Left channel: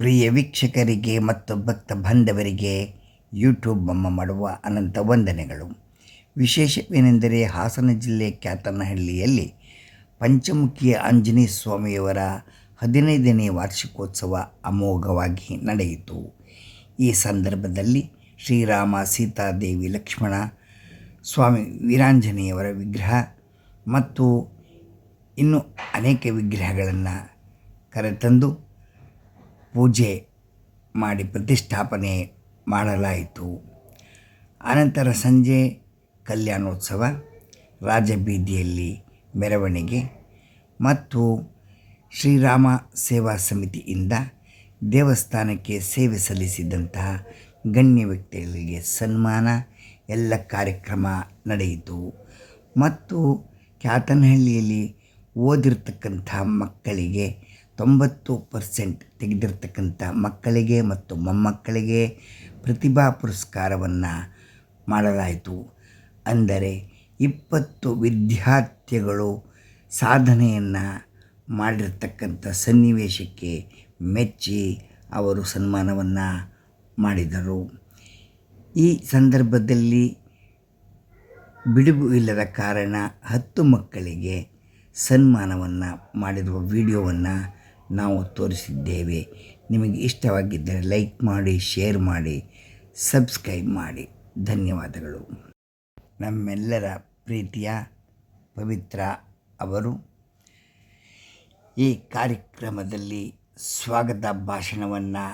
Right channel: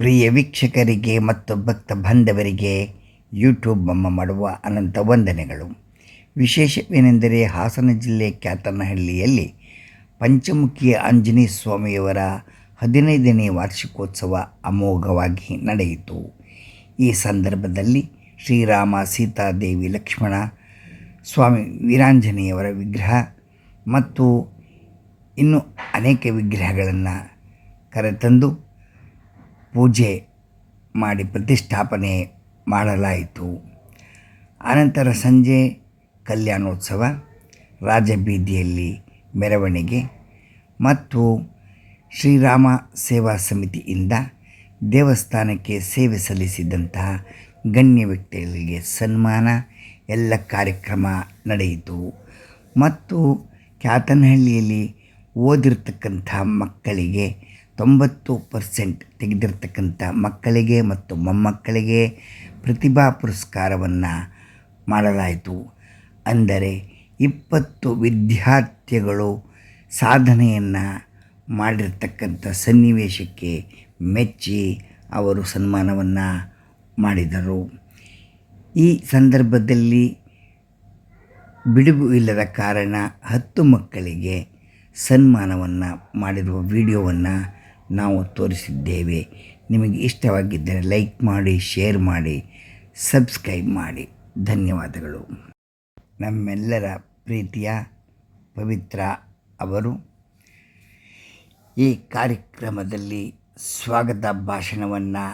ಪ್ರಿಯ ವೀಕ್ಷಕರಿಗೆ ಮತ್ತು ಭಕ್ತ ಬಾಂಧವರಿಗೆ ಯೂಟ್ಯೂಬ್ ಅಮ್ಮ ಮಾಡುವ ಅನಂತ ವಂದನೆಗಳು. ವಿಶೇಷವೇನೆಂದರೆ ಹಾಸನ ಜಿಲ್ಲೆ ಕ್ಯಾತನಹಳ್ಳಿಯಲ್ಲಿ ಪಂಚಮುಖಿ ಆಂಜನೇಯ ಸ್ವಾಮಿಯವರ 15ನೇ ವಾರ್ಷಿಕೋತ್ಸವ ಅಮೋಘವಾಗಿ ನಡೆಯಿತು. ಈ ಸಂದರ್ಭದಲ್ಲಿ ಶ್ರೀರಾಮ, ಸೀತಾದೇವಿ, ಲಕ್ಷ್ಮಣ, ಸ್ವಾಮಿ ವೀರಾಂಜನೇಯವರ ವಿಗ್ರಹ ಮತ್ತು ಇನ್ನೂ ಅನೇಕ ವಿಗ್ರಹಗಳನ್ನು ಕರೆತಂದು ಪೂಜೆ ಮಾಡಿ ಪ್ರತಿಷ್ಠಾಪನೆ ಮಾಡಲಾಯಿತು. ಅನಂತರ ಸಂಜೆ ಕಲ್ಯಾಣೋತ್ಸವ, ರಾಜಬೀದಿಯಲ್ಲಿ ಮೆರವಣಿಗೆ ಮತ್ತು ಶ್ರೀರಾಮ ಸೇವಾ ಸಮಿತಿಯಿಂದ ದೇವಸ್ಥಾನಕ್ಕೆ ಸೇವೆ ಸಲ್ಲಿಸಿದಂತಹ ಗಣ್ಯ ವ್ಯಕ್ತಿಗಳಿಗೆ ಸನ್ಮಾನ ಎಲ್ಲ ಕಾರ್ಯಕ್ರಮ ನಡೆಯಿತು. ಮತ್ತು ಕ್ಯಾತನಹಳ್ಳಿಯಲ್ಲಿ ಓದಿರ್ತಕ್ಕಂಥ ಮಕ್ಕಳಿಗೆ 90% ತೆಗೆದಿರ್ತಕ್ಕಂಥ ಮಕ್ಕಳಿಗೆ ಮತ್ತು ಮೊಮ್ಮಕ್ಕಳಿಗೆ ಪ್ರತಿಭಾ ಪುರಸ್ಕಾರವನ್ನು ಮಾಡಲಾಯಿತು. ಅಂದರೆ 20 ವಿದ್ಯಾರ್ಥಿಗಳು ಸಾಧನೆಯನ್ನು ಮಾಡಿರ್ತಕ್ಕಂಥ ಸನ್ನಿವೇಶಕ್ಕೆ ಮೆಚ್ಚಿ ಅವರು ಸನ್ಮಾನವನ್ನು ಮಾಡಿದರು. ಈ ಸಂದರ್ಭದಲ್ಲಿ ಬಿಡುವು ಇಲ್ಲದ ಕಾರಣ 10 ಮಕ್ಕಳಿಗೆ ಸನ್ಮಾನವನ್ನು ಮಾಡಿರುವ ವಿಡಿಯೋವನ್ನು ನಾವು ತೋರಿಸಿದ್ದೇವೆ. ನಿಮಗೆ ಇಷ್ಟವಾಗಿದ್ದರೆ ಲೈಕ್ ಮಾಡಿ, ಶೇರ್ ಮಾಡಿ, ಸಬ್ಸ್ಕ್ರೈಬ್ ಮಾಡಿ. ಧನ್ಯವಾದಗಳು. ನಮ್ಮೆಲ್ಲರ ಪ್ರೀತಿಯ ಪವಿತ್ರ ಅವರು ಈ ಕಾರ್ಯಕ್ರಮದಲ್ಲಿ ಸ್ವಾಗತ ಭಾಷಣವನ್ನು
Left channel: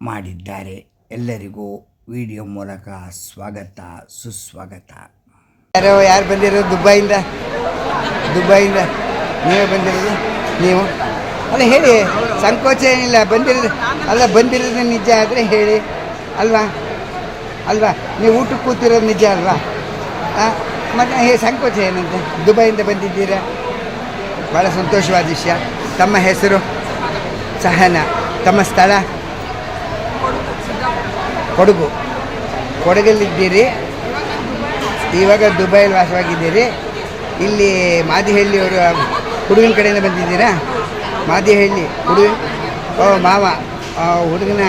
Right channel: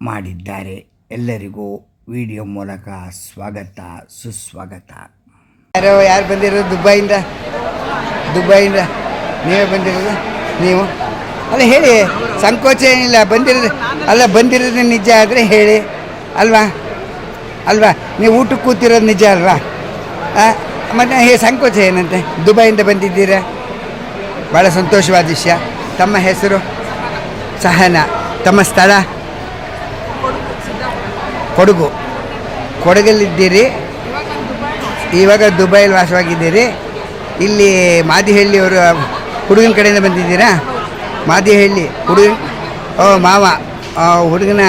ಮಾಡಿದ್ದಾರೆ. ಎಲ್ಲರಿಗೂ ವಿಡಿಯೋ ಮೂಲಕ ಸ್ವಾಗತ, ಸುಸ್ವಾಗತ. ಯಾರು ಬಂದಿರೋದು? ದುಬೈಯಿಂದ ನೀವೇ ಬಂದಿರೋದು? ನೀವು ಅಲ್ಲ ಹೇಳಿ, ಸಂಕೋಚ ಏನಿಲ್ಲ. ಬಂದಿರೋದು ನಿಜ ಆದರೆ ಹೇಳಿ ಅಲ್ವಾ ನೀವು ಊಟಕ್ಕೆ ಕೂತಿರೋದು ನಿಜ ಅಲ್ವಾ? ಮತ್ತು ಸಂಕೋಚ ಏನಂತೆ? ದುಬೈಯಿಂದ ಬಂದಿದ್ದೀರಾ, ಭಾಳ ಸಂತೋಷವಾದ ವಿಷಯ. ತಮ್ಮ ಹೆಸರು? ಸಹನಾ. ತಮ್ಮ ಸ್ಥಳ? ಕೊಡಗಲ್ಲಿದ್ದೀರಿ. ಇವಾಗ ದುಬೈಲಿ ವಾಸವಾಗಿದ್ದೀರಿ. ಇಲ್ಲಿ ಮಾದಿಹಳ್ಳಿಯವರು ಹುಡುಗನ ಕಡೆಯಿಂದ ಬಂದಿದ್ದೀರಾ? ಮಾದಿಹಳ್ಳಿ ಮಾವ, ಹುಡುಗನ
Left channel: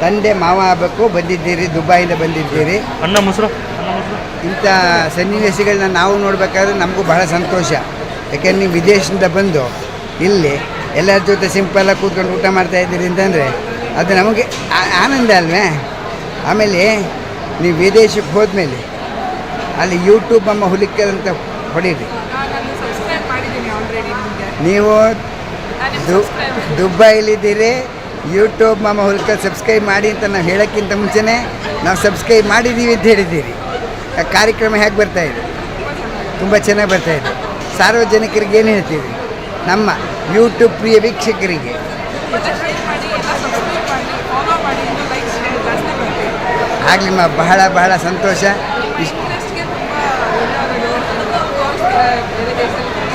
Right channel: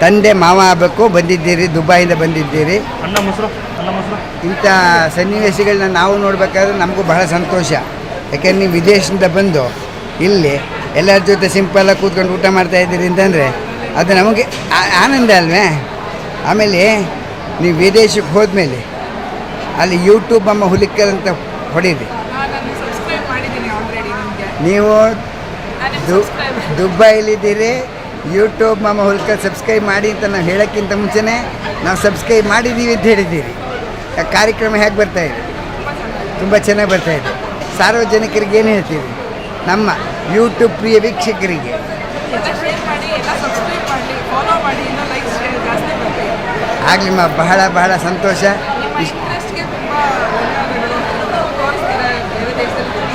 ತಂದೆ ಮಾವ ಆಗಬೇಕು ಬಂದಿದ್ದೀರಿ, ದುಬೈಯಿಂದ ಬಂದಿದ್ದೀರಿ. ಇಂಥ ಸನ್ನಿವೇಶಗಳನ್ನ ನಾವು ನೋಡಬೇಕಾದ್ರೆ ನಮಗೂ ಬಹಳ ಸಂತೋಷ. ಯಾಕೆಂದ್ರೆ ನೀವು ವಿದೇಶದಿಂದ ಬಂದು ಇಲ್ಲಿ ಎಲ್ಲರ ಜೊತೆ ಸಿಂಪಲ್ಲಾಗಿ ಕೂತ್ಕೊಂಡು ಊಟ ಮಾಡ್ತಾಯಿದ್ದೀರಿ ಅಂತಂದರೆ ಅದು ನಮಗೆ ಆನಂದ ಅಲ್ವೇ? ಆಮೇಲೆ ನೀವು ವಿದೇಶಕ್ಕೆ ಹೋದ್ಮೇಲೆ ಅಲ್ಲಿ ಯೂಟ್ಯೂಬ್ ಅಮ್ಮ ಹುಲಿಕಲ್ ಅಂತ ಹೊಡೀರಿ. ನೀವು ದುಬೈಲಿದ್ದೀರಿ, ಯೂಟ್ಯೂಬ್ ಮಾಮ ಹುಲ್ಕಲ್ ಸಬ್ಸ್ಕ್ರೈಬ್ ಮಾಡಿ ಅಂತ ನಾವು ಹೇಳೋಕ್ಕಿಂತ ಮುಂಚೆನೇ ನಾವು ಸಬ್ಸ್ಕ್ರೈಬ್ ಮಾಡಿದ್ದೀವಿ ಅಂತ ಹೇಳಿದ್ದೀರಿ. ಕಾರ್ಯಕ್ರಮ ಹೇಗೆ ಬರ್ತಾಯಿದೆ? ತುಂಬ ಚೆನ್ನಾಗಿ ಬರ್ತಾಯಿದೆ. ಸಾರ್ವಜನಿಕರಿಗೆ ಏನು ಹೇಳ್ತೀವಿ? ನಮ್ಮ ಯೂಟ್ಯೂಬ್ ಪ್ರಿಯ ವೀಕ್ಷಕರಿಗೆ ಆಗಲಿಮ್ಮ ಬಹಳ ಬಹಳ ಸಂತೋಷ.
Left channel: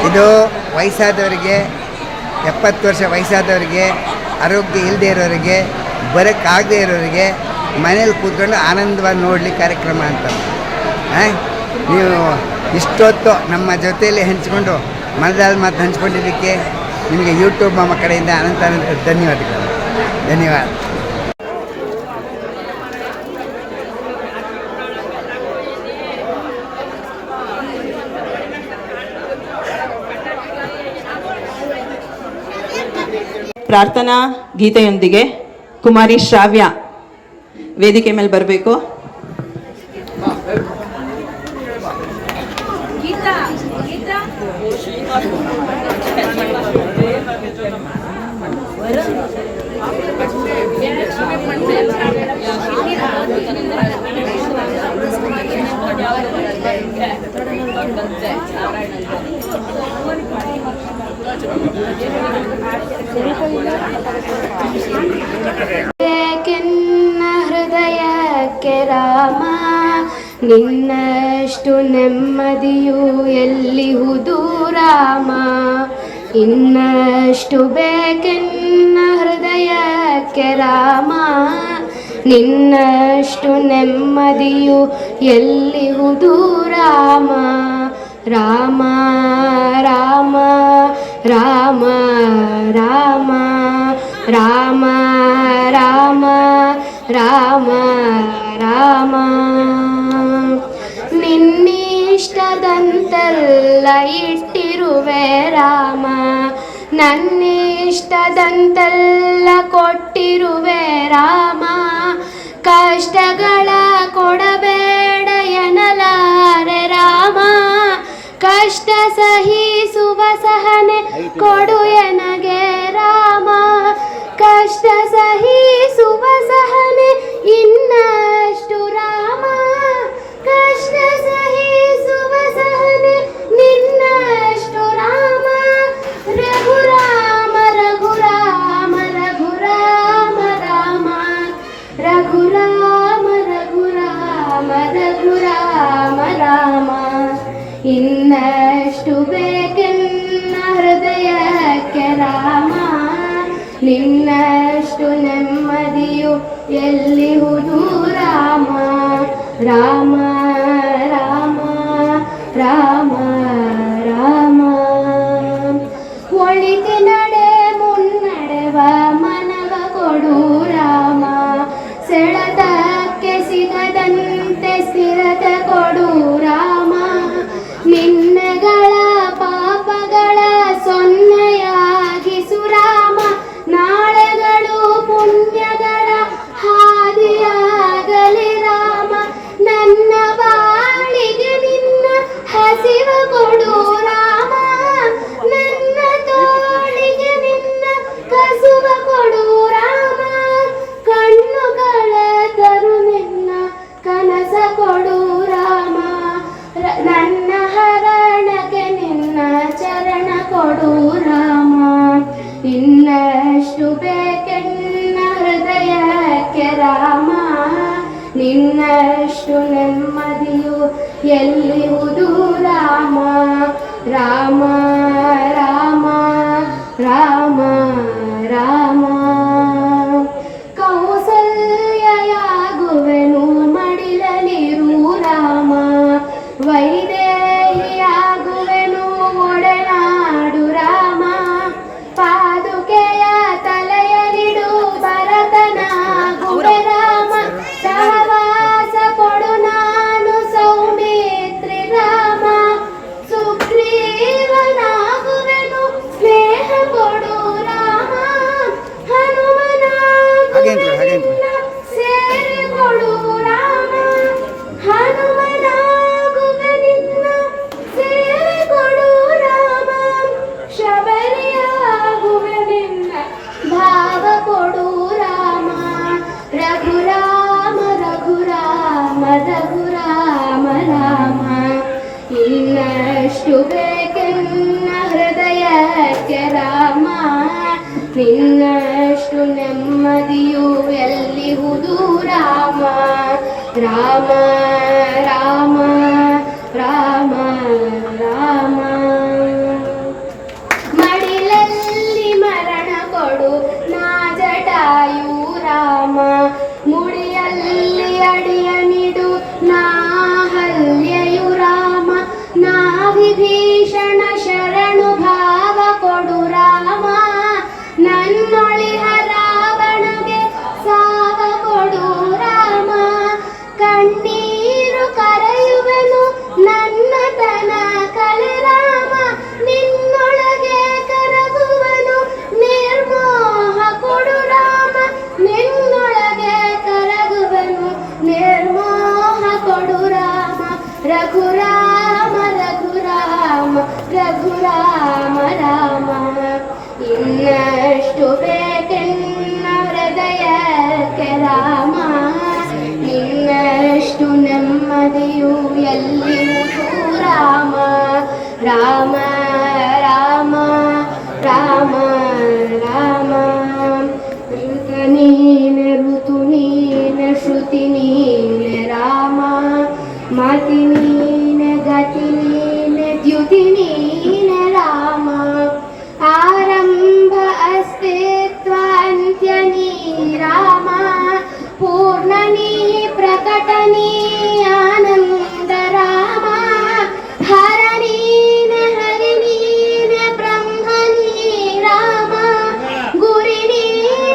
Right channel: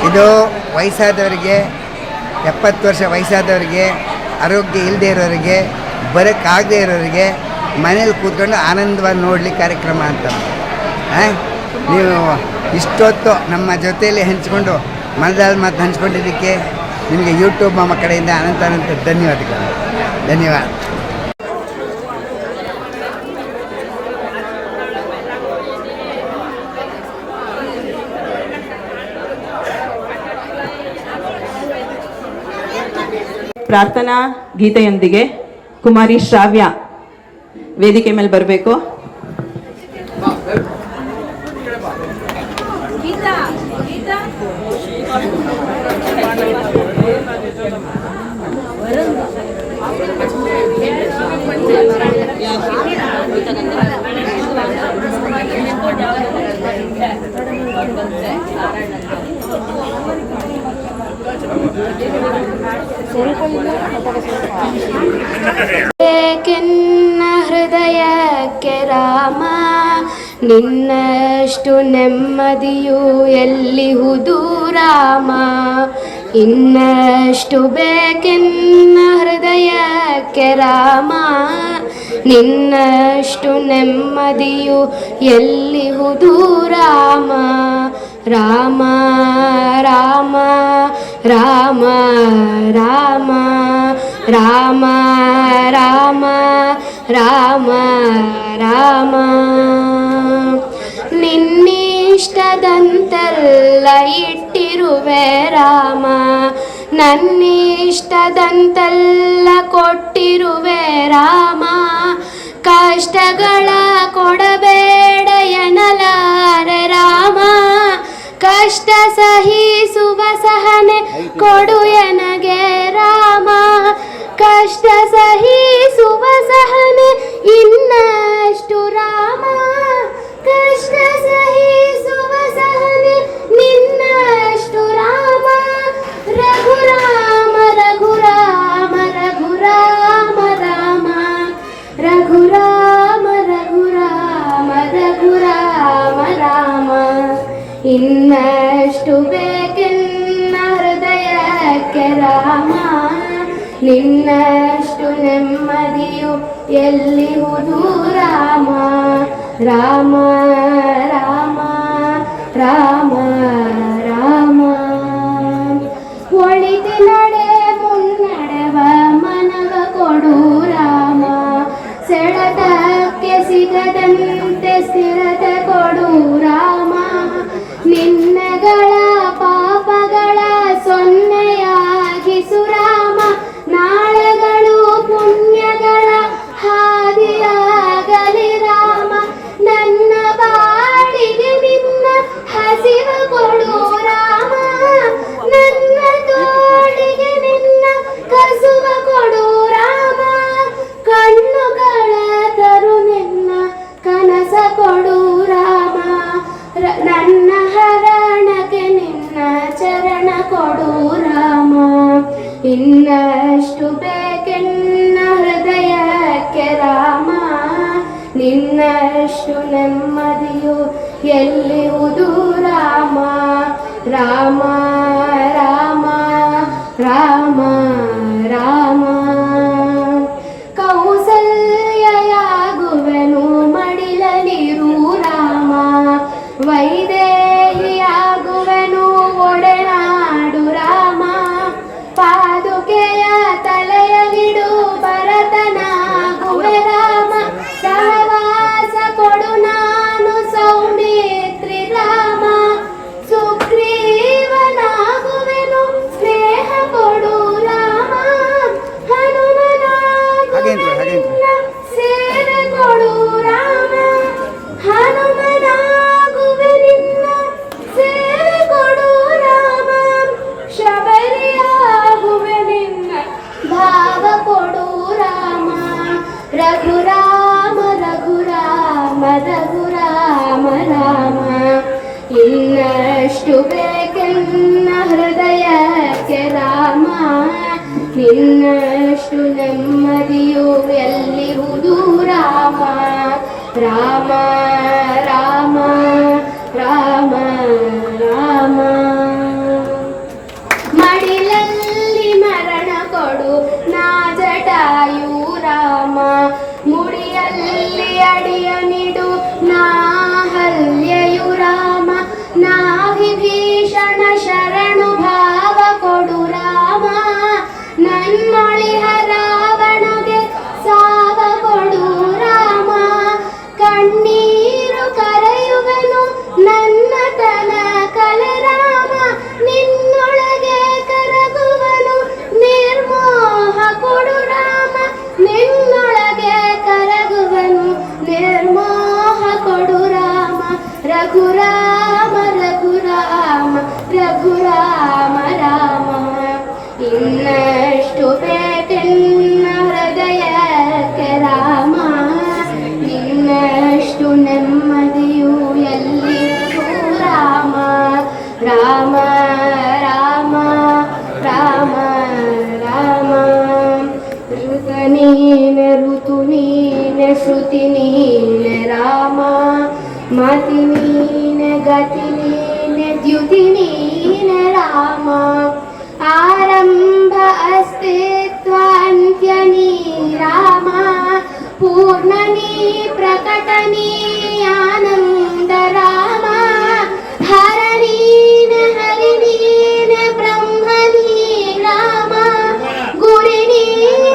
ಇದು ವಯಸ್ಸಾದವರಿಗೆ, 70 ವರ್ಷ ವಯಸ್ಸಾದವರಿಗೆ, ಆರೋಗ್ಯ ಇಲ್ಲದೆ ಇರೋರಿಗೆ, ಬರೋಕ್ಕಾಗದೇ ಇರೋರಿಗೆ ಮನೇಲಿ ಕೂತ್ಕೊಂಡು ಆನಂದವಾಗಿ ನೋಡಲಿಕ್ಕೆ ಕಾರ್ಯಕ್ರಮ ಅಂತ. ನೀವು ಇಷ್ಟೊತ್ತು ನಮ್ಮ ಜೊತೆಯಲ್ಲಿ ಹಂಚ್ಕೊಂಡು ಮನದಾಳ ಮಾತು ಹಂಚ್ಕೊಂಡಿದ್ದಕ್ಕೆ ನಿಮಗೆ ಯೂಟ್ಯೂಬ್ ಮಾಮ ಕಡೆಯಿಂದ ಅನಂತ ಧನ್ಯವಾದಗಳು. ಧನ್ಯವಾದ. ಪ್ರಾರ್ಥನಾ ಗೀತೆಯೊಂದಿಗೆ ಕುಮಾರಿ ಶ್ರಾವ್ಯ ವೇದಿಕೆ ಮೇಲೆ ಬರಬೇಕು. ಏಕೆನ್ನ ಹೃದಯಕ್ಕೆ ರಾಮ, ನಿನ್ನಷ್ಟು ನೆಮ್ಮದಿಯು ಎಲ್ಲಿಹುದು ರಾಮ. ಇನ್ನಷ್ಟು ಬೇಕೆನ್ನ ಹೃದಯಕ್ಕೆ ರಾಮ, ನಿನ್ನಷ್ಟು ನೆಮ್ಮದಿಯು ಎಲ್ಲಿಹುದು ರಾಮ. ರಾಮ ರಾಮ ರಾಮ ರಾಮ ರಾಮ ರಾಮ ರಾಮ ರಾಮ ನಿನ್ನಿಷ್ಟದಂತೆಲ್ಲ ಇಟ್ಟಿರುವೆ ರಾಮ, ನನ್ನಿಷ್ಟದಂತೆಲ್ಲ ಕೊಟ್ಟಿರುವೆ ರಾಮ, ಕಷ್ಟಗಳ ಕೊಡಬೇಡ ಎನ್ನಲಾರೆ ರಾಮ, ಕಷ್ಟ ಸಹಿಸುವ ಸಹನೆ ಕೊಡು ಎನಗೆ ರಾಮ, ಕಷ್ಟ ಸಹಿಸುವ ಸಹನೆ ಇನ್ನಷ್ಟು ರಾಮ, ಕಷ್ಟ ಸಹಿಸುವ ಸಹನೆ ನಿನ್ನಷ್ಟು ರಾಮ, ರಘುರಾಮ ರಘುರಾಮ ರಘುರಾಮ ರಾಮ, ರಘುರಾಮ ರಘುರಾಮ ರಘುರಾಮ ರಾಮ, ಇನ್ನಷ್ಟು ಬೇಕೆನ್ನ ಹೃದಯಕ್ಕೆ ರಾಮ, ನಿನ್ನಷ್ಟು ನೆಮ್ಮದಿಯು ಎಲ್ಲಿಹುದು ರಾಮ, ರಾಮ ರಾಮ ರಾಮ ರಾಮ, ಒಳಿತಿನಡೆ ಮುನ್ನಡೆವ ಮನವ ಕೊಡು ರಾಮ, ಸೆಳೆತಕ್ಕೆ ಸಿಗದಂತೆ ಸ್ಥಿರತೆ ಕೊಡು ರಾಮ, ನಿನ್ನೆಗಳ ಪಾಪಗಳ ಸೊನ್ನೆಯಾಗಿಸು ರಾಮ, ನಾಳೆಗಳು ಪುಣ್ಯಗಳ ಹಾದಿಯಾಗಲಿ ರಾಮ, ನನ್ನ ಬಾಳಿಗೆ ನಿನ್ನ ಹಸಿವ ಕೊಡು ರಾಮ, ನನ್ನ ತೋಳಿಗೆ ನಿನ್ನ ಕಸುವ ಕೊಡು ರಾಮ, ಕಣ್ಣುಗಳ ತರು ನಿನ್ನ ಕನಸ ಕೊಡು ರಾಮ, ನನ್ನ ಹರಣಕ್ಕೆ ನಿನ್ನ ಚರಣ ಕೊಡು ರಾಮ, ಇನ್ನಷ್ಟು ಬೇಕೆನ್ನ ಹೃದಯಕ್ಕೆ ರಾಮ, ನಿನ್ನಷ್ಟು ನೆಮ್ಮದಿಯು ಎಲ್ಲಿಹುದು ರಾಮ, ರಾಮ ರಾಮ ರಾಮ ರಾಮ, ಕೌಸಲ್ಯಾಗುವೆನು ಮಡಿಲಲಿರು ರಾಮ, ವೈದೇಹಿಯಾಗುವೆನು ಒಡೆನಾಡು ರಾಮ, ಪಾದುಕೆಯ ತಲೆಯಲಿಡು ಭರತನಾಗುವೆ ರಾಮ, ಸಹವಾಸ ಕೊಡು ನಾನು ಸೌಮಿತ್ರಿ ರಾಮ, ಸುಗ್ರೀವನಾಗುವೆನು ಸ್ನೇಹ ಕೊಡು ರಾಮ, ಹನುಮನಾಗುವೆನು ಸೇವೆ ಕೊಡು ರಾಮ, ಹನುಮನಾಗುವೆ ನಿನ್ನ ಸೇವೆ ಕೊಡು ರಾಮ, ಶಬರಿಯಾಗುವೆ ನಿನ್ನ ಭಾವ ಕೊಡು ರಾಮ, ರಘುರಾಮ ರಘುರಾಮ ರಘುರಾಮ ರಾಮ, ಇನ್ನಷ್ಟು ಬೇಕೆನ್ನ ಹೃದಯಕ್ಕೆ ರಾಮ, ನಿನ್ನಷ್ಟು ನೆಮ್ಮದಿಯು ಎಲ್ಲಿಹುದು ರಾಮ, ರಾಮ ರಾಮ ರಾಮ ರಾಮ, ಮಡಿಲಲ್ಲಿ ಮರಣ ಕೊಡು ನಾ ಜಟಾಯು ರಾಮ, ಮುಡಿಯಲ್ಲಿ ಅಡಿಯ ನಿಡು ನಾ ಹಲ್ಯೆಯು ರಾಮ, ನಾ ವಿಭೀಷಣ ಶರಣು ಭಾವ ಕೊಡು ರಾಮ, ನನ್ನೊಳಿಹ ರಾವಣಗೆ ಸಾವ ಕೊಡು ರಾಮ, ಕಣ್ಣೀರು ಕರೆಯುವೆನು ನನ್ನ ತನ ಕಲೆ ರಾಮ, ನಿನ್ನೊಳಗೆ ಕರಗುವನು ನಿರ್ಮೋಹ ಕೊಡು ರಾಮ, ನಿನ್ನೊಳಗೆ ಕರಗುವನು ನಿರ್ಮೋಹ ಕೊಡು ರಾಮ, ರಘುರಾಮ ರಘುರಾಮ ರಘುರಾಮ ರಾಮ, ಇನ್ನಷ್ಟು ಬೇಕೆನ್ನ ಹೃದಯಕ್ಕೆ ರಾಮ, ನಿನ್ನಷ್ಟು ನೆಮ್ಮದಿಯು ಎಲ್ಲಿರುವುದು ರಾಮ, ರಾಮ ರಾಮ ರಾಮ ರಾಮ, ಋತ ನೀನೆ ಋತು ನೀನೆ ಶ್ರುತಿ ನೀನೆ ರಾಮ, ಮತಿ ನೀನೆ ಗತಿ ನೀನೆ ದ್ಯುತಿ ನೀನೆ ರಾಮ, ಆರಂಭ ಅಸ್ತಿತ್ವ ಅಂತ್ಯ ನೀ ರಾಮ, ಪೂರ್ಣ ನೀ ಪ್ರಕಟ ನೀ ಆನಂದ ರಾಮ, ಹರ ನೀನೆ ಹರಿ ನೀನೆ ಬ್ರಹ್ಮ ನೀ ರಾಮ, ಗುರಿ ನೀನೆ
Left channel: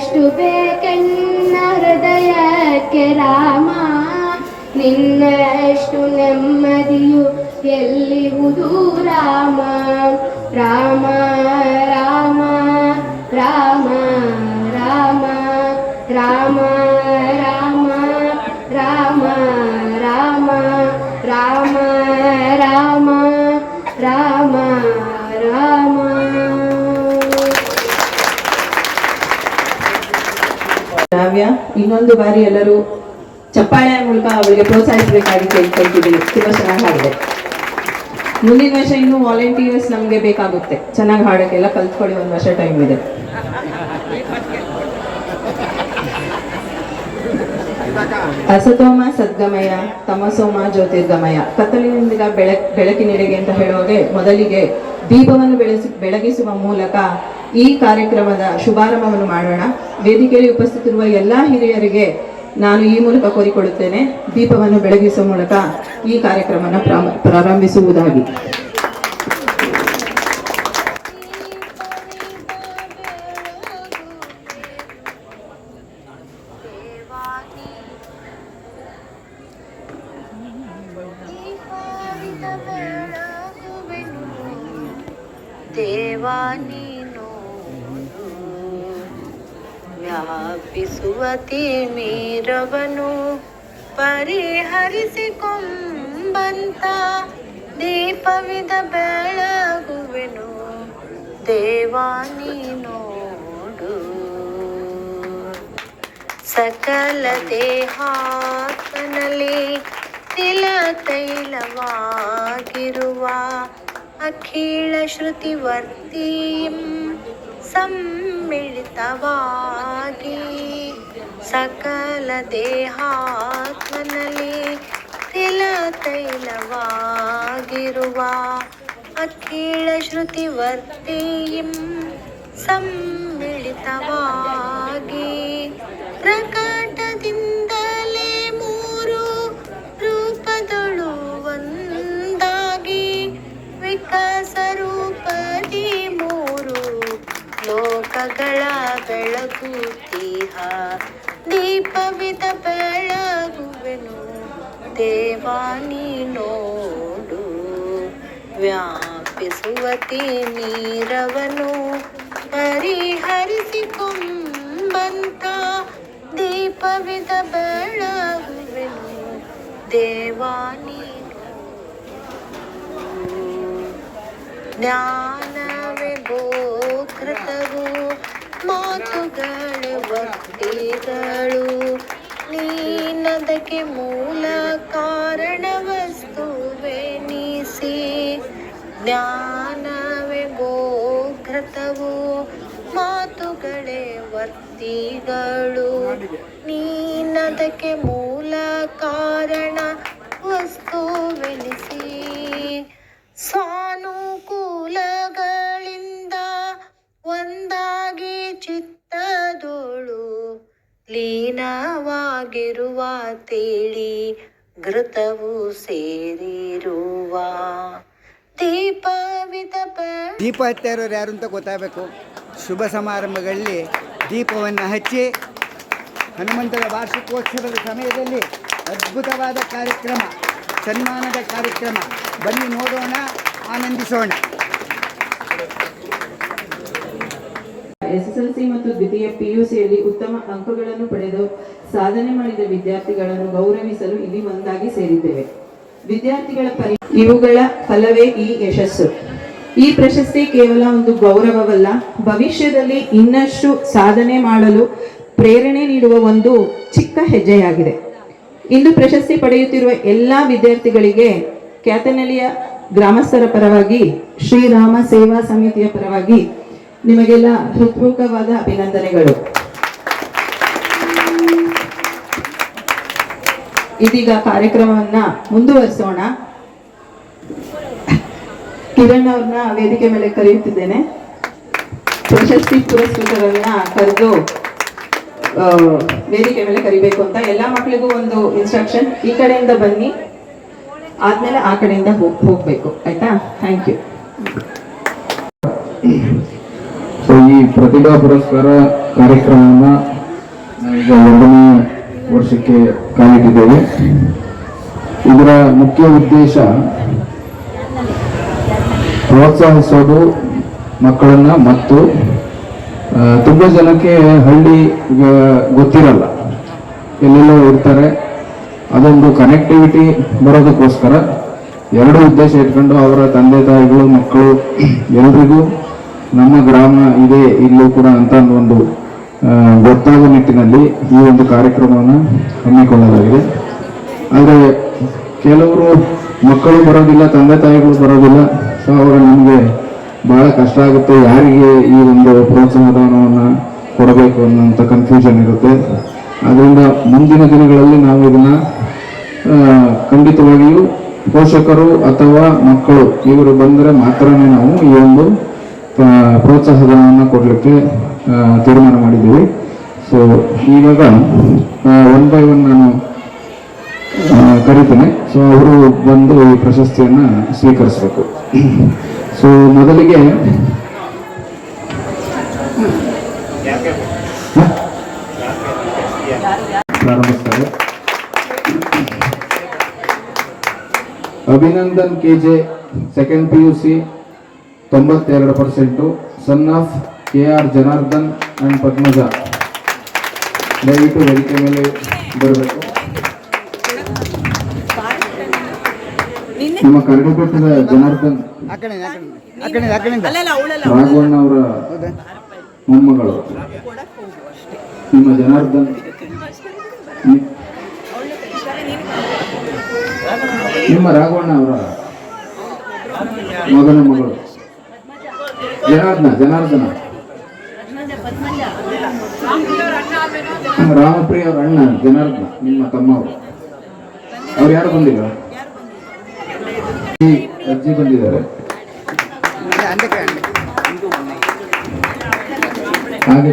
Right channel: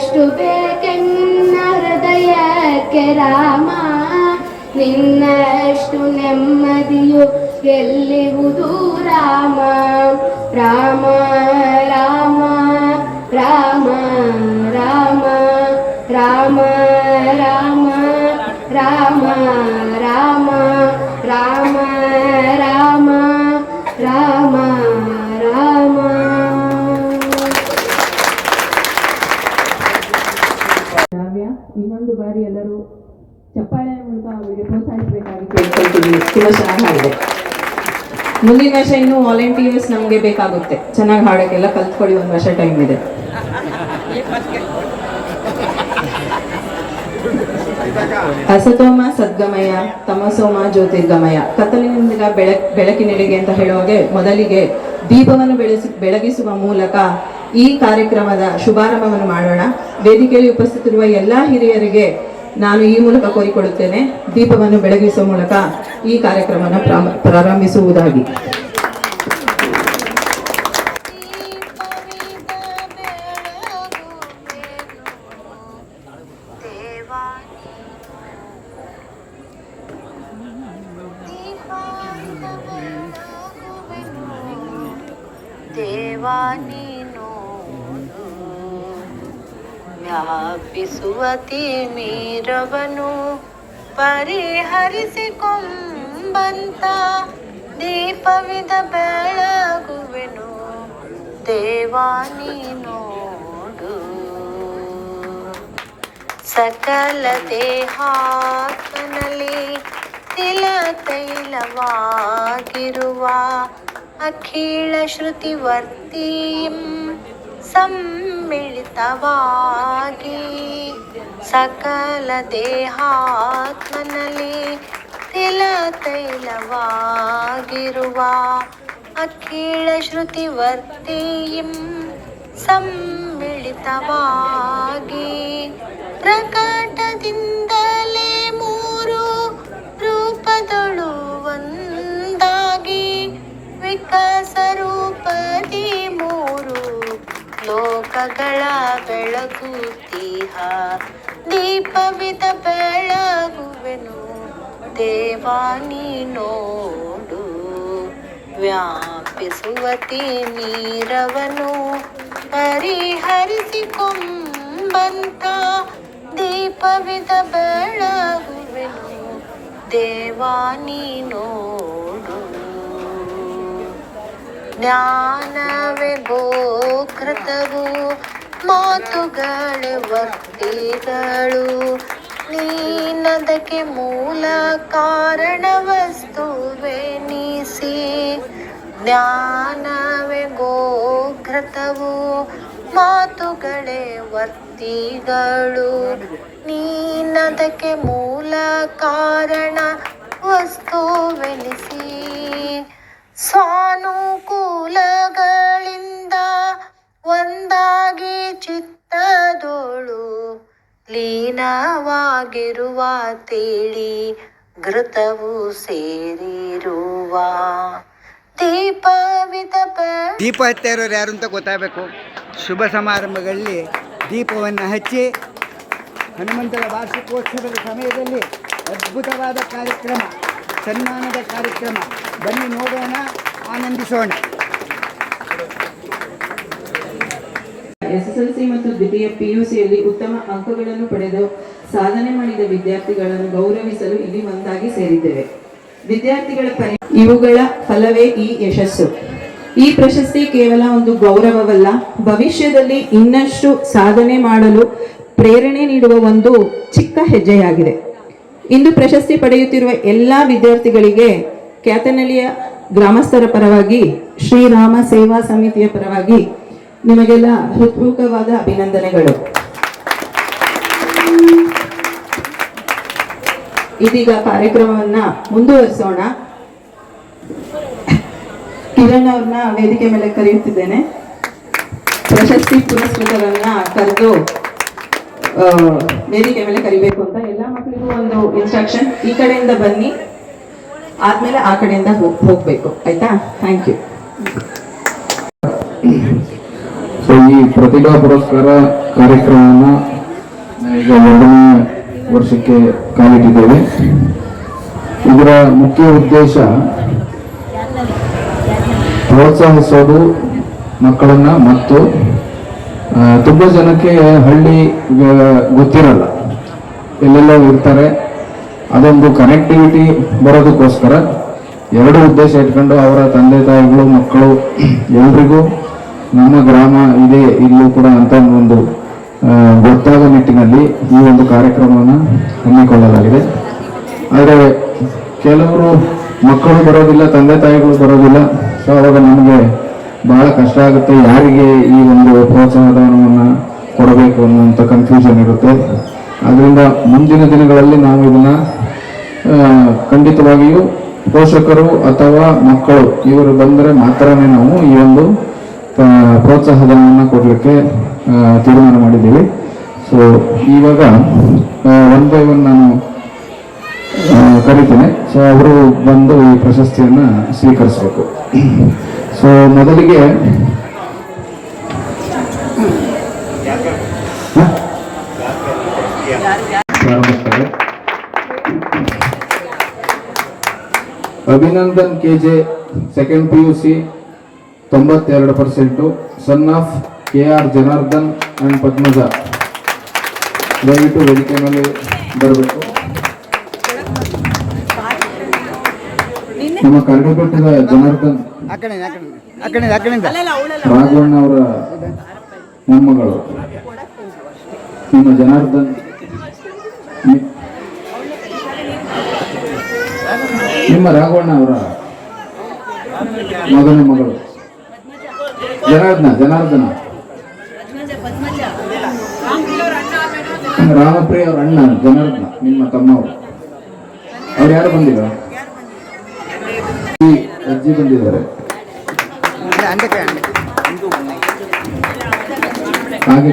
ಎಷ್ಟು ಬೇಕೆನ್ನ ಹೃದಯಕ್ಕೆ ರಾಮ, ನಿನ್ನಷ್ಟು ನೆಮ್ಮದಿಯು ಎಲ್ಲಿರುವುದು ರಾಮ. ರಾಮ ರಾಮ ರಾಮ ರಾಮ ರಾಮ ರಾಮ ರಾಮ ರಾಮ ರಾಮ ರಾಮ ರಾಮ ರಾಮ. ಶ್ರಾವ್ಯ ಇನ್ನೊಂದು ಬಾರಿ ಎಲ್ಲರೂ ಚಪ್ಪಾಳೆ ಮೂಲಕ ಅವಳಿಗೆ ಪ್ರೋತ್ಸಾಹಿಸಬೇಕಾಗಿ ಕೇಳ್ಕೊಳ್ತಿದ್ದೀನಿ. ತುಂಬಾ ಚೆನ್ನಾಗಿ ಹಾಡಿದೆ. ಮುಂದಿನ ವರ್ಷ ಇನ್ನೂ ವಾಲಂಟಿಯರ್ಸ್ ನಮಗೆ ಬೇಕಾಗುತ್ತೆ. ಚೆನ್ನಾಗಿ ಹಾಡೋಕ್ಕೆಲ್ಲ ಕಲ್ತ್ಕೊಳ್ಳಿ, ಒಂದು ವರ್ಷ ಟೈಮ್ ಇದೆ. ಅಸತೋಮ ಸದ್ಗಮಯ ತಮಸೋಮ ಜ್ಯೋತಿರ್ಗಮಯ. ಕತ್ತಲಿನಿಂದ ಬೆಳಕಿನೆಡೆಗೆ ಅಂತ ಹೇಳುವಾಗೆ ಮೊದಲಿಗೆ ದೀಪವನ್ನು ಬೆಳಗಿಸುವ ಮೂಲಕ ಈ ಕಾರ್ಯಕ್ರಮದ ಶುಭಾರಂಭವನ್ನು ಮಾಡೋಣ. ವೇದಿಕೆಯಲ್ಲಿ ಉಪಸ್ಥಿತಿರುವ ಎಲ್ಲ ಹಿರಿಯರಿಗೆ ನಾನು ಈ ಮೂಲಕ ಕೋರಿಕೊಡುತ್ತೇನೆ, ದೀಪವನ್ನು ಬೆಳಗಿಸುವ ಮೂಲಕ ಈ ಕಾರ್ಯಕ್ರಮವನ್ನು ಪ್ರಾರಂಭಿಸುವುದಾಗಿ. ದೇವಾ ನೀನು ವ್ಯಾಪಿಸುವ ತಿಮಿರವನು ಪರಿಹರಿಸಿಕೊಂಬಂತ ದೀಪವಿದ ಬೆಳಗುವೆನು. ದೇವಾ ನೀನೋಡು ಸಕಲ ದೇಹಾತ್ಮನಲ್ಲಿ ತಿಲ ತೈಲವಾಗಿರುವ ಅಖಿಳ ಶ್ರುತಿವರ್ತಿಂ ಸಮ್ಮಿಳಿತವಾಗಿ ಸಕಲ ದೇಹಾತ್ಮನಲ್ಲಿ ತಿಲ ತೈಲವಾಗಿರುವ ಅಖಿಳ ಶ್ರುತಿವರ್ತಿಂ ಸಮ್ಮಿಳಿತವಾಗಿ ಪ್ರಕಟದಿಂದಲೇ ಮೂರು ರೂಪದಳು ಒಂದಾಗಿ ವಿಕಾಸ ರೂಪದಿ ಮೂರು ಲೋಕಗಳ ಬೆಳಗುತ್ತೀಹ ದೀಪವಿದ ಬೆಳಗುವೆನು. ದೇವಾ ನೀನೋಡು ವ್ಯಾಪಿಸುವ ತಿಮಿರವನು ಪರಿಹರಿಸಿಕೊಂಬಂತ ದೀಪವಿದ ಬೆಳಗುವೆನು. ದೇವಾ ನೀನೋಡು ಜ್ಞಾನವೇ ಗೋಕೃತವು ಮಾತುಗಳೇ ವರ್ತಿಗಳು ನೀನದಕ್ಕೆ ಮೂಲ ಕಾರಣ ವಸ್ತುವೆನಿಸಿ. ಜ್ಞಾನವೇ ಗೋಕೃತವು ಮಾತುಗಳೇ ವರ್ತಿಗಳು ನೀನದಕ್ಕೆ ಮೂಲ ಕಾರಣ ವಸ್ತುವೆನಿಸಿ. ಸ್ವಾನುಕೂಲಗಳಿಂದ ಒಂದಾಗಿ ಚಿತ್ತದೋಳು ಲೀನವಾಗಿರುವ ತಿಳಿ ಘೃತವು ಸೇರಿರುವ ದೀಪವಿದ ದೀಪ ಹತ್ತಾ ಇರೋರು ಯಾರು ಅಂತ ಗೊತ್ತಾಗಬೇಕು. ಶುಭ ಸಮಾರಂಭಗಳಲ್ಲಿ ದೀಪವನ್ನು ಹಚ್ಚಿ ಹನುಮಂತನ ವಾರ್ಷಿಕೋತ್ಸವದ ಸಮಯದಲ್ಲಿ ಅದ್ಭುತವಾದ ಕಾರ್ಯಕ್ರಮ, ಸನ್ಮಾನದ ಕಾರ್ಯಕ್ರಮ. ಬನ್ನಿ ನೋಡೋಣ, ಆನಂದಿಸೋಣ. SSLC ಮತ್ತು ದ್ವಿತೀಯ PUCಯಲ್ಲಿ ಉತ್ತಮ ಅಂಕಗಳನ್ನು ಪಡೆದು ಸಾಧನೆ ಮಾಡಿದ ವಿದ್ಯಾರ್ಥಿಗಳನ್ನು ಗೌರವಿಸಲು ಇಲ್ಲಿ ಒಂದಾಗಿ ಸೇರಿದ್ದೇವೆ. ವಿದ್ಯಾರ್ಥಿಗಳ ಇವುಗಳ ಫಲವೇ ಈ ಯಶಸ್ಸು. ಈ ಪ್ರಶಸ್ತಿ ಕೇವಲ ಒಂದು ಗೌರವವಲ್ಲ, ಭವಿಷ್ಯದಲ್ಲಿ ಇನ್ನಷ್ಟು ಸಾಧನೆ ಮಾಡಲು ಪ್ರೇರಣೆ ನೀಡುವ ಒಂದು ಚಿಕ್ಕ ಹೆಜ್ಜೆಯಾಗಿದೆ. ಇಂದು ಪ್ರಶಸ್ತಿ ಪಡೆಯುತ್ತಿರುವ ಎಲ್ಲ ವಿದ್ಯಾರ್ಥಿಗಳಿಗೆ ಕ್ಯಾತನಹಳ್ಳಿಯ ಗ್ರಾಮಸ್ಥರ ಪರವಾಗಿ, ಶ್ರೀರಾಮ ಸೇವಾ ಸಮಿತಿಯ ಪರವಾಗಿ ನಿಮಗೆಲ್ಲ ಹೃತ್ಪೂರ್ವಕವಾದ ಅಭಿನಂದನೆಗಳು. ಇದೀಗ ಕಾರ್ಯಕ್ರಮವನ್ನ ಮುಂದುವರಿಸೋಣ. ಕಿರಣ್ ಅವ್ರನ್ನ ವೇದಿಕೆ ಮೇಲೆ ಕರೆಯುತ್ತಿದ್ದೇನೆ. ಪ್ರಶಸ್ತಿ ಪುರಸ್ಕೃತರನ್ನ ಕರೆದು ವೇದಿಕೆ ಮೇಲೆ ಕರಿಬೇಕು ಅಂತ ಎಲ್ಲ ಮಕ್ಕಳಿಗೂ ಒಂದು ಇನ್ಸ್ಟ್ರಕ್ಷನ್. ಈ ಕಡೆಯಿಂದ ಬನ್ನಿ, ಆದ್ಮೇಲೆ ಆ ಕಡೆಯಿಂದ ಹೋಗ್ಬೇಕು, ಆಯ್ತಾ? Thank you. ಸೊ ಈ ಪ್ರತಿಭಾ ಪುರಸ್ಕಾರ ಕಾರ್ಯಕ್ರಮವನ್ನು ಈಗ 2ನೇ ವರ್ಷಕ್ಕೆ ಕಾಲಿಟ್ಟಿದ್ದೇವೆ. ಇದರ ಮುಖ್ಯ ಉದ್ದೇಶ ಪ್ರೋತ್ಸಾಹಿಸೋದು ಮಕ್ಕಳನ್ನ, ಮತ್ತು ತುಂಬ ಜನಕ್ಕೆ ಹಳ್ಳಿ ಗೊತ್ತಿರಲ್ಲ, ಎಲ್ಲೆಲ್ಲೋ ಇರ್ತಾರೆ. ಅದೊಂದು ಕನೆಕ್ಟಿವಿಟಿ ಬರೋದಕ್ಕೋಸ್ಕರ 2 ಉದ್ದೇಶ ಇಟ್ಕೊಂಡು ಅವರ ತಂದೆ ತಾಯಿಗಳು, ಮಕ್ಕಳು ಎಲ್ರಿಗೂ ನಮ್ಮ ಗ್ರಾಮ ಇದೆ ಇಲ್ಲೂ ಕೂಡ ಅಂತ ಒಂದು ಗೊತ್ತಾಗೋ ನಿಟ್ಟಿನಲ್ಲಿ ಈ ಒಂದು ಕಾರ್ಯಕ್ರಮವನ್ನು ಹಮ್ಮಿಕೊಳ್ಳಲಾಗಿದೆ. ಆದರೆ ಕೆಲವರು ಮಕ್ಕಳು ಬರೋದಿಲ್ಲ, ತಂದೆ ತಾಯಿಗಳು ಬರೋದಿಲ್ಲ. ಸೊ ಅವಾಗ ನಮಗೆ ಬಹಳ ಕಷ್ಟ ಆಗುತ್ತೆ, ಯಾರಿಗೆ ಈ ಒಂದು ಪ್ರೋತ್ಸಾಹಧನವನ್ನು ಕೊಡಬೇಕು ಅನ್ನುವಂಥ ಕನ್ಫ್ಯೂಷನ್ ಇರುತ್ತೆ. ಅದರಿಂದ ಮುಂದಿನ ದಿನಗಳಲ್ಲಿ ನಾವು ಇದನ್ನು ಖಂಡಿತವಾಗಿಯೂ ಪೋಷಕರು ಅಥವಾ ಮಕ್ಕಳು ಇವರು ಬಂದರೆ ಮಾತ್ರನೇ ನಾವು ಈ ಒಂದು ಪ್ರೋತ್ಸಾಹಧನವನ್ನು ಕೊಡಲಿಕ್ಕೆ ತೀರ್ಮಾನ ಮಾಡಿದ್ದೀವಿ. ಸೊ ಇವಾಗ ಒನ್ ಬೈ ಒನ್ ನಾನು ಕರಿತೇನೆ. ಸೊ ಅವರು ಬಂದು ಈ ಪ್ರಶಸ್ತಿಯನ್ನು ಸ್ವೀಕರಿಸಬೇಕು. ಸೊ ಮೊದಲಿಗೆ ಪ್ರಾರಂಭಿಸ್ತಾರೆ. Abhinandan KJ, second PUC 92%, son of KR Janardhan and Padmaja. ದಯವಿಟ್ಟು ವೇದಿಕೆ ಮೇಲೆ ಬರಬೇಕು. ನಮ್ಮ ಕರಡಿಪಟ್ಟದ ಜನಾರ್ದನ್ ರಾಘವಣ್ಣ ಅವರ ಮೊಮ್ಮಗಳು. ನಿಮ್ಮ ಜನಾರ್ದನ್ ನಿಮ್ಮ ರಾಘವಣ್ಣ ಅವರ ಮಗನ ಮಗಳು ಜನಾರ್ದನ ರಾಮಪ್ರಿಯ ಅವರ ಅಣ್ಣ ಜನಾರ್ದನ, ನಿಮ್ಮ ತಮ್ಮವರು. ಅವ್ರು ಯಾರು ಬಂದಿಲ್ಲ? ಅಜ್ಜಿ ಬಂದಿದ್ದಾರೆ. ಹಾಗೆ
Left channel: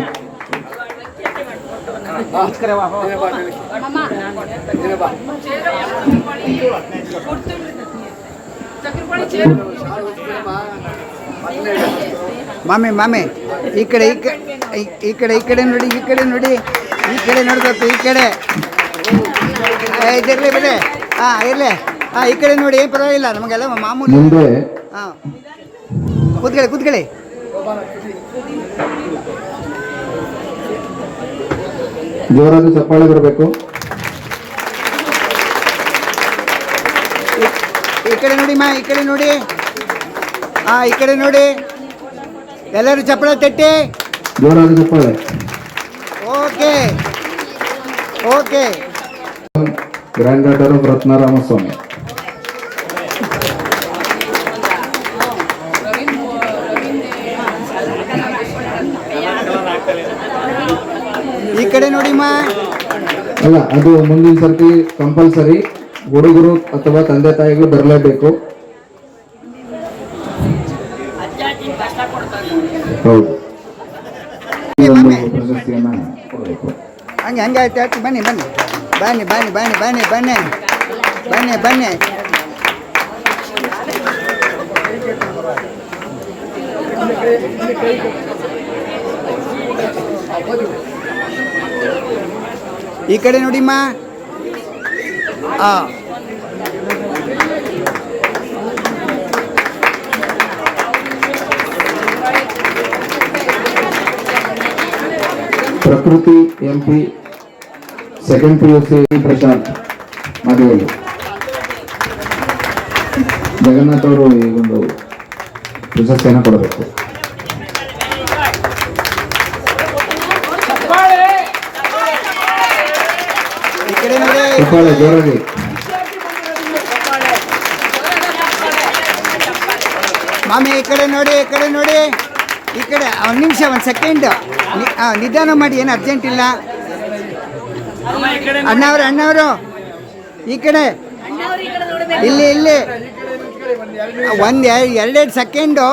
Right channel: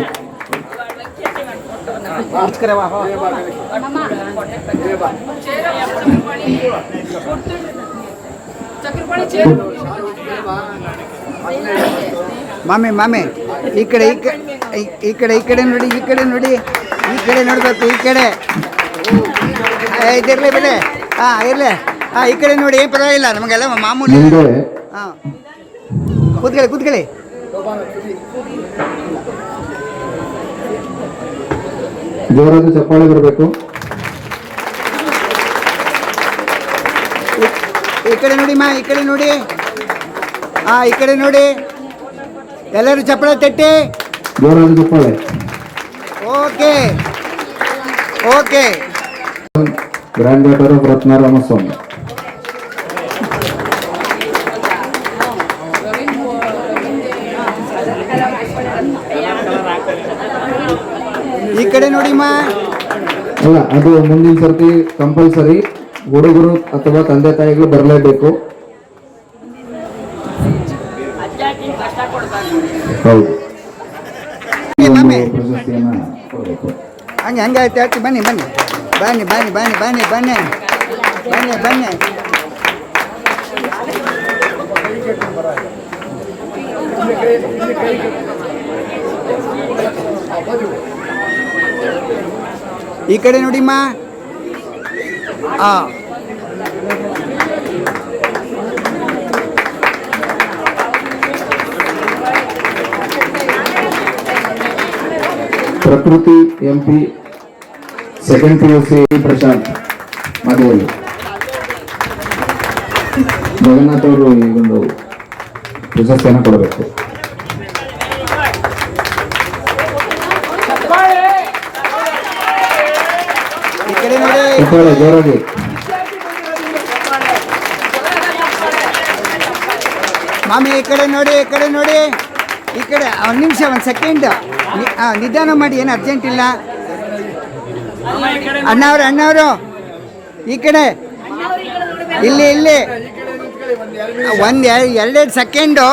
ಮಾಮೆ ಈ ಕಡೆ ನೋಡಿ, ಈ ಕಡೆ ನೋಡ್ಬೇಕು, ಈ ಕಡೆ ಇದಿರಲಿ ಬಿಡಿ. ಇರಲಿ, ಈ ಕಡೆ ನೋಡಿ, ಏನು ಪರವಾಗಿಲ್ಲ, ನಮಗೆಲ್ಲ ಮಾಮೂಲಿ. ಕೂತ್ಕೊಳ್ಳಿ. ಜೋರಾದ ಚಪ್ಪಾಳೆ ಬರಬೇಕು. ಈ ಕಡೆ ನೋಡಿ ಈ ಕಡೆ ನೋಡಿ, ಈ ಕಡೆ ನೋಡಿ, ಎಲ್ಲರೂ ಚಪ್ಪಾಳೆ ತಟ್ಟಿ. ಜೋರಾದ ಚಪ್ಪಾಳೆ. Okay. Grand daughter of Ratna Ramaswamy. ಈ ಕಡೆ ನೋಡಿ ಅಲ್ಲ, ಅದು ಮುಂದಿನ ಸರ್ತಿ ಕಂಪಲ್ಸರಿ ಹುಡುಗರು ಅಥವಾ ತಂದೆ ತಾಯಿಗಳು ಬರಲೇಬೇಕು. ಹೌದು, ಪ್ರಶಸ್ತಿಯನ್ನ ಕೊಡಬೇಕು. ಹಂಗೆ ಆಯ್ತು. ಬನ್ನಿ. ಈ ಕಡೆ ನೋಡಿ ಪ್ರಕೃತಿ MP, ಸೆಕೆಂಡ್ PUC ಪ್ರಶಾಂತ್ ಮದುವೆ. ಜಗನ್ನಾಥ್ ಅವರು ಈ ಒಂದು ಪ್ರಶಸ್ತಿಯನ್ನು ಕೊಡಬೇಕು. ಈ ಕಡೆ ನೋಡಿ, ಜೋರಾಗಿ. ಮಾಮಿ ಈ ಕಡೆ ನೋಡಿ, ಈ ಕಡೆ ಒಂದು ನಿಮಿಷ, ಒಂದು ಸೆಕೆಂಡ್ ನಿಧಾನ ಮಾಡಿ, ಏನು ಅರ್ಜೆಂಟ್ ಇಲ್ಲ. ಅಣ್ಣವರು ಈ ಕಡೆ, ಇಲ್ಲಿ 1-2 ಸೆಕೆಂಡು